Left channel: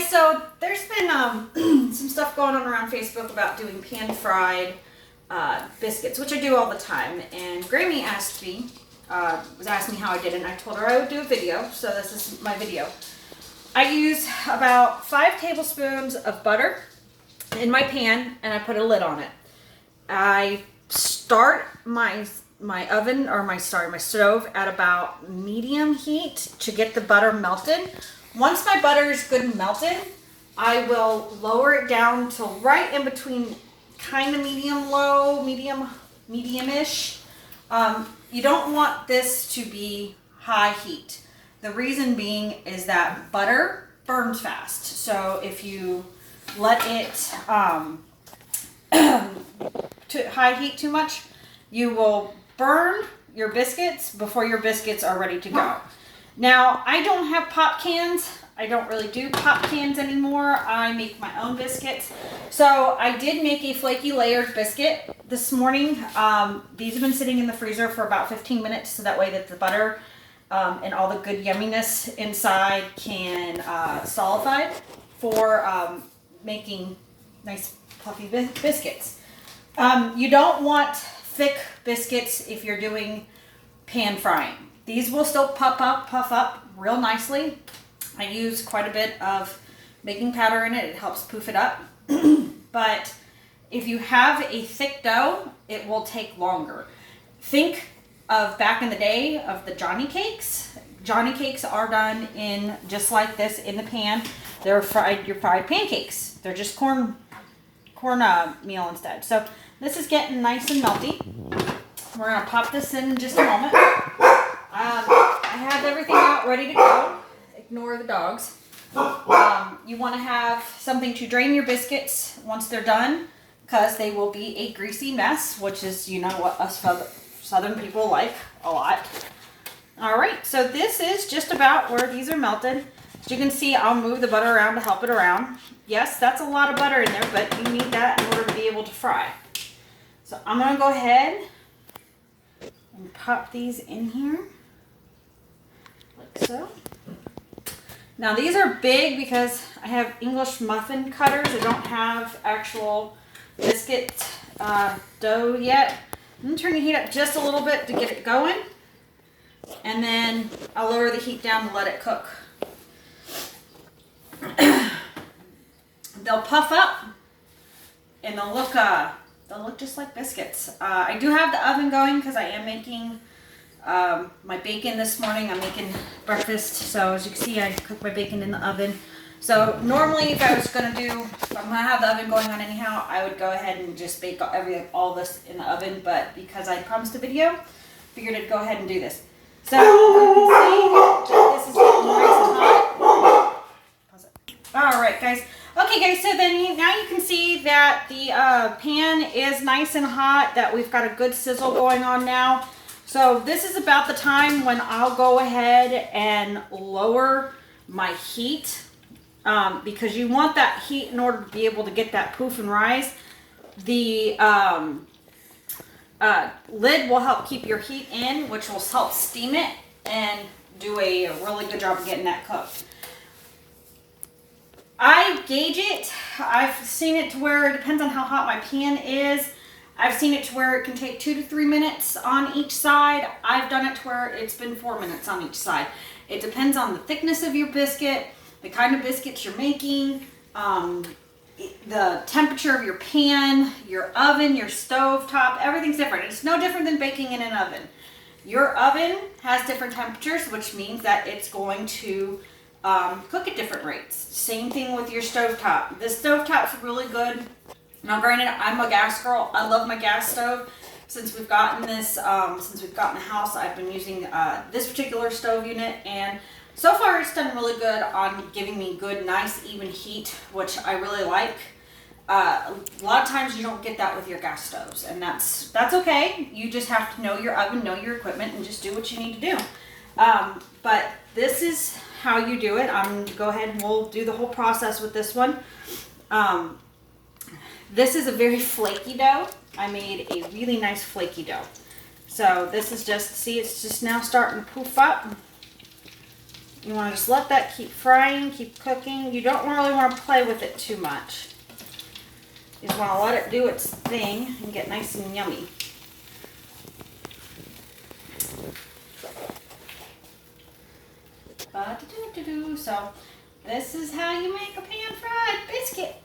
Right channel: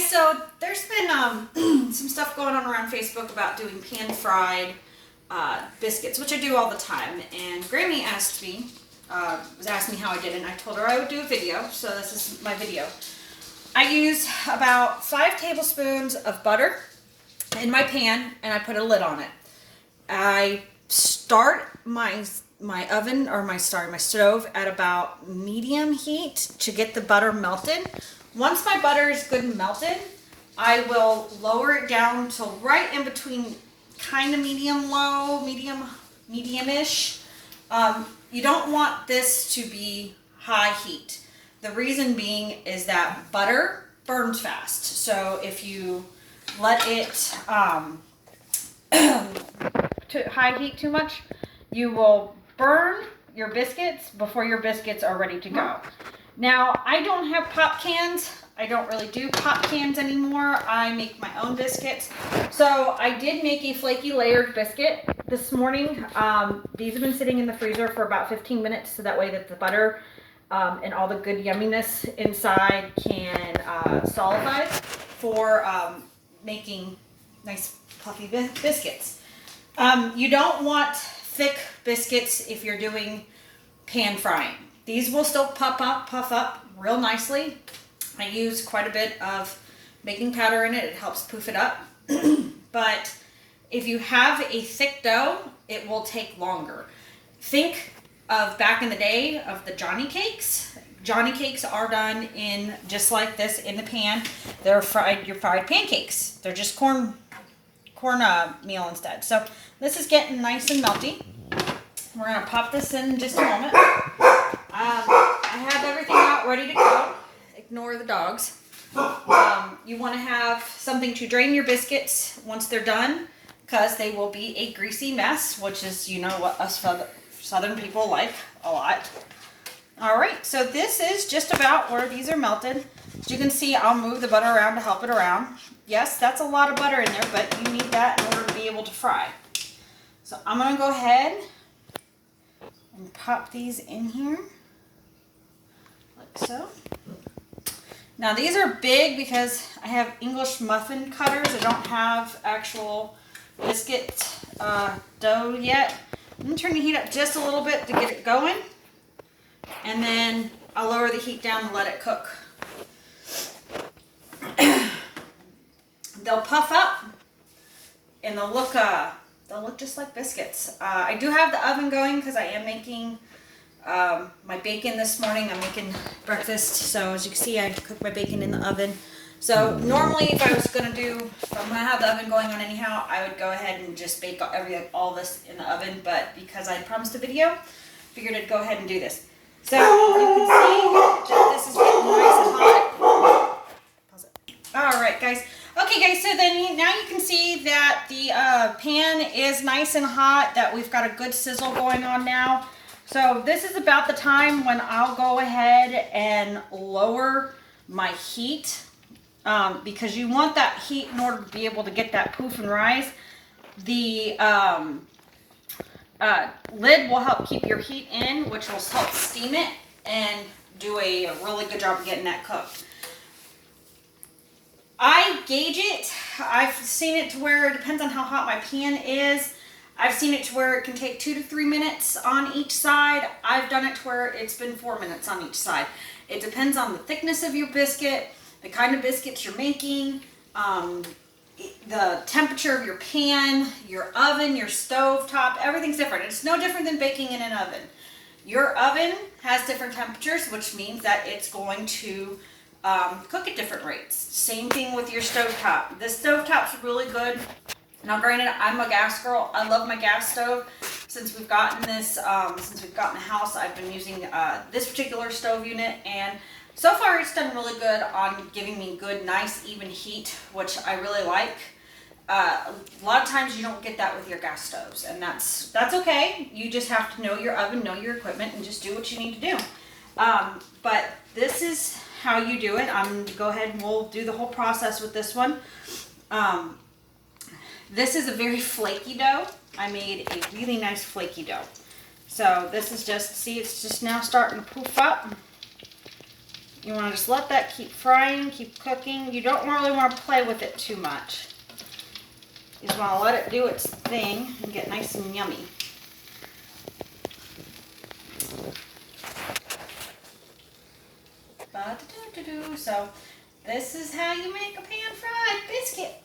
guys, so there's been some stuff going on around Facebook about doing pan-fried biscuits, which I do all the time. And Grammy asked me, was asking me how I did it, and I told her I would do a video, so this is my video. I use about 5 tablespoons of butter in my pan, and I put a lid on it. I start my oven, or my stove at about medium heat to get the butter melted. Once my butter is good and melted, I will lower it down to right in between kind of medium-low, medium-ish. You don't want this to be high heat. The reason being is that butter burns fast. So if you let it to high heat too much, you will burn your biscuits before your biscuits are ready to go. Now, I don't have pop cans. I don't really do pop cans anymore. I make my own biscuits. So I did make a flaky layered biscuit this morning. These have been sitting in the freezer for about 15 minutes, so that way that the butter and all the good yumminess inside can solidify for making nice fluffy biscuits. You don't want thick biscuits if you're doing pan frying. These will still puff up real nicely. I use quite a bit of baking powder in it. It helps poof it up. But if you have a thick dough, it will take longer. Think of back in the day of the Johnny cakes. Johnny cakes are done in just like this in the pan. They're your fried pancakes. They're just corn meal instead. So this is getting nice and melty. We're gonna pop this in just a moment. I have everything out ready to go. Ignore the dogs. You want to have something to drain your biscuits once they're done, because they will be a greasy mess, which is, you know, what us Southern people like a lot. All right, so this is just about where these are melted. As you can see, I'll move the butter around to help it around. Yes, that's a lot of butter in there, but you need that in order to be able to fry. So I'm going to go ahead and pop these in here, like so. Now these are big because I have English muffin cutters. I don't have actual biscuit dough yet. I'm going to turn the heat up just a little bit to get it going. And then I'll lower the heat down to let it cook. They'll puff up and they'll look just like biscuits. I do have the oven going because I am making my bacon this morning. I'm making breakfast, so as you can see, I cook my bacon in the oven. So normally, if I'm gonna have the oven going on anyhow, I would go ahead and just bake all this in the oven. But because I promised a video, figured I'd go ahead and do this. So you can see that this is getting nice and hot. Pause it. All right, guys. Okay, guys. So then now you can see that the pan is nice and hot. That we've got a good sizzle going on now. So this is about the time when I'll go ahead and lower my heat, because you want that heat in order to be able to get that poof and rise. The lid will help keep your heat in, which will help steam it and do a really good job of getting that cooked. I gauge it. I've seen it to where it depends on how hot my pan is. I've seen it to where it can take 2 to 3 minutes on each side. I've done it to where it's been 4 minutes on each side. It depends on the thickness of your biscuit, the kind of biscuits you're making, the temperature of your pan, your oven, your stove top. Everything's different. It's no different than baking in an oven. Your oven has different temperatures, which means that it's going to cook at different rates. Same thing with your stove top. The stove top's really good. Now, granted, I'm a gas girl. I love my gas stove. Since we've gotten this, since we've gotten the house, I've been using this particular stove unit, and so far it's done really good on giving me good, nice, even heat, which I really like. A lot of times you don't get that with your gas stoves, and that's okay. You just have to know your oven, know your equipment, and just do what you need to do. But this is how you do it. I'm going to go ahead and we'll do the whole process with this one. This is a very flaky dough. I made a really nice flaky dough. So this is just, see, it's just now starting to poof up. You want to just let that keep frying, keep cooking. You don't really want to play with it too much. You just want to let it do its thing and get nice and yummy. So this is how you make a pan-fried biscuit.